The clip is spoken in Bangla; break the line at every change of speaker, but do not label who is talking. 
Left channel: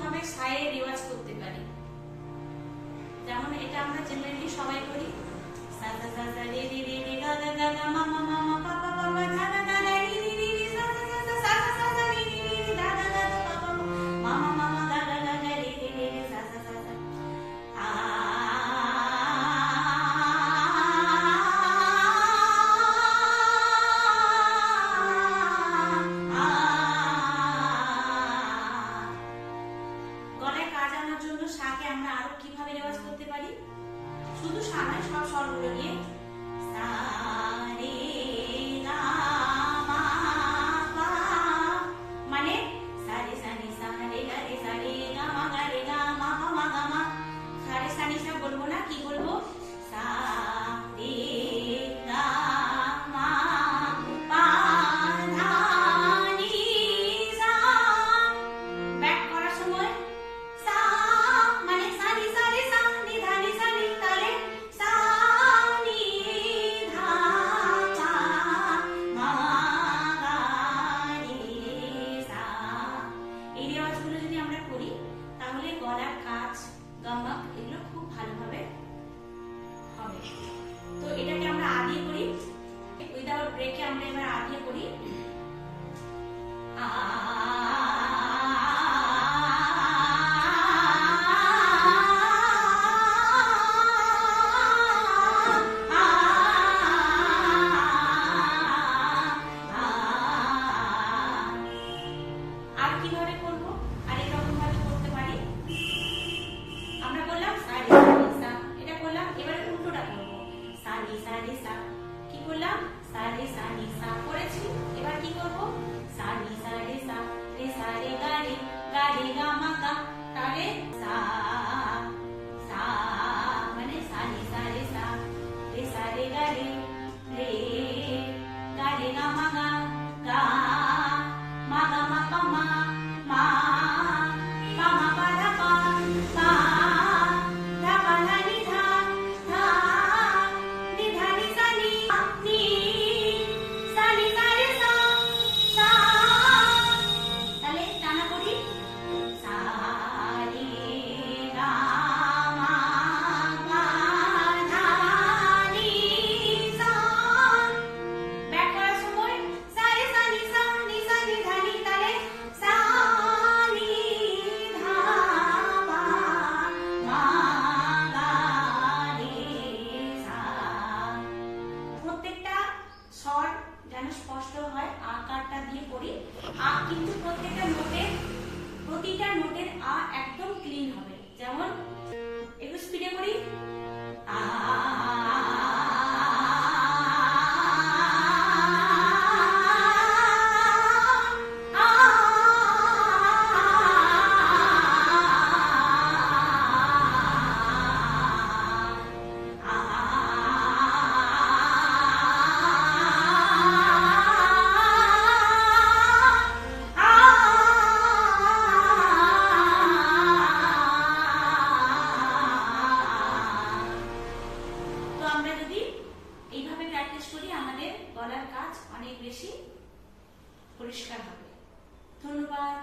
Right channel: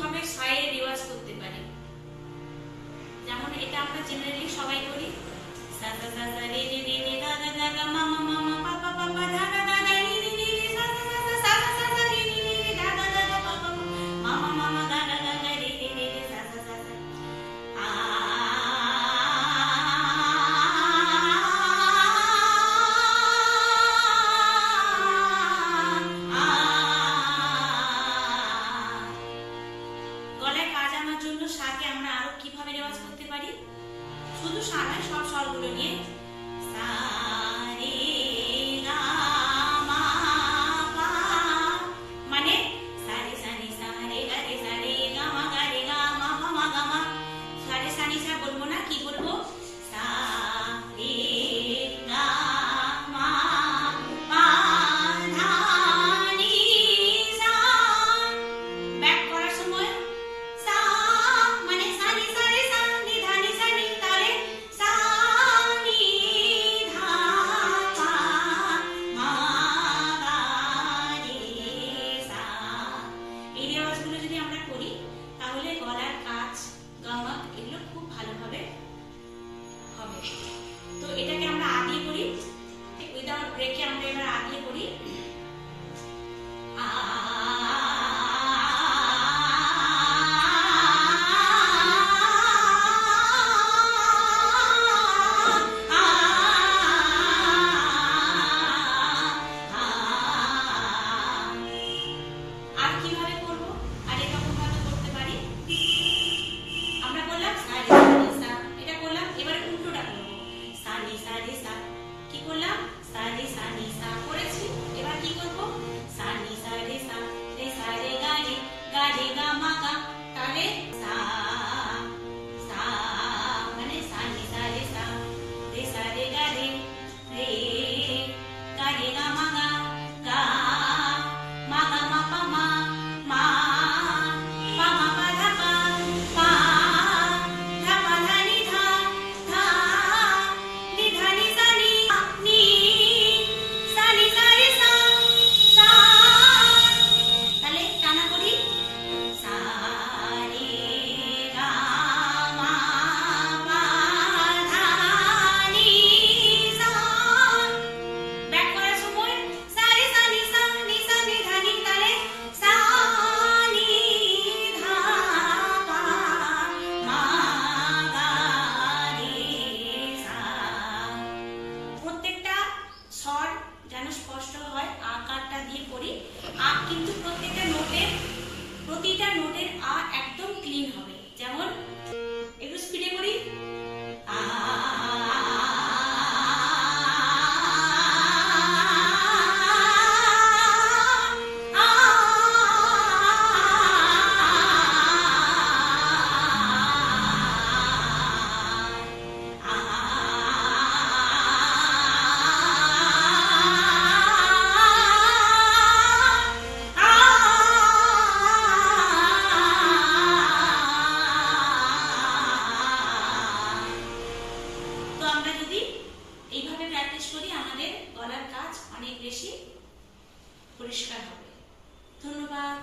ভাবে সায়ের রেওয়াজ করতে পারি। যেমন এটা আমরা জেনারেলি সবাই করি। জন্য শাকে আমরা আরও কীভাবে রেওয়াজ করতে পারি? শুধু সা নয়, সব স্বরগুলো নিয়ে। সা নি সা রে সা কি করলাম সা রে সা নি সা করেছি এবার কি করব সা নি সা রে সা রে সা রে গা রে গা রে গা মা গা তাহলে সা সা মানে সা নি সা রে সা রে সা রে গা রে রে স্পষ্ট হয়, আকারটা দিয়ে পড়ি আ, কিন্তু প্রত্যেকটা নোটের, প্রতিটা নোটের আ একদম ক্লিন হবে। গলার কাজ অনেক বেশি পরিষ্কার হবে। ধন্যবাদ।